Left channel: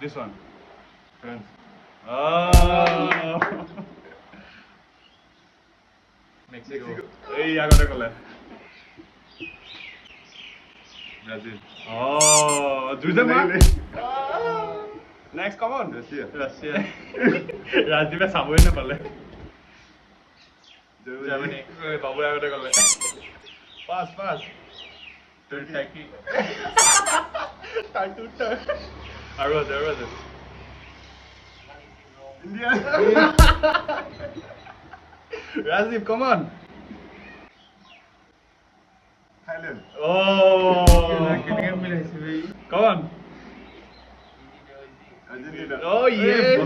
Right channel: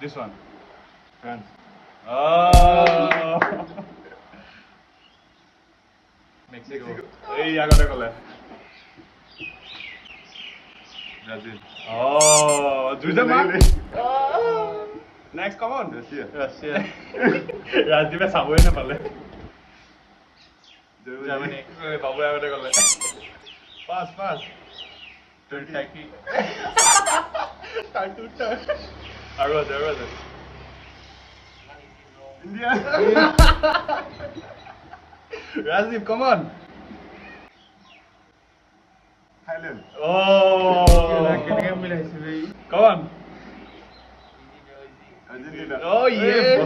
This one. France. Oh. Mexico. Hey, agora qual é? Brazil. Oh, দুইটা মার। Next, come on. Russia. রাজদীপে সাবই না পারলে। Germany. বাবু আগতে গলে। Pass. Turkey. আৰু আছে। India. Rajdeep, come on. Thailand. Oh. Come on. Argentina. Oh, yes.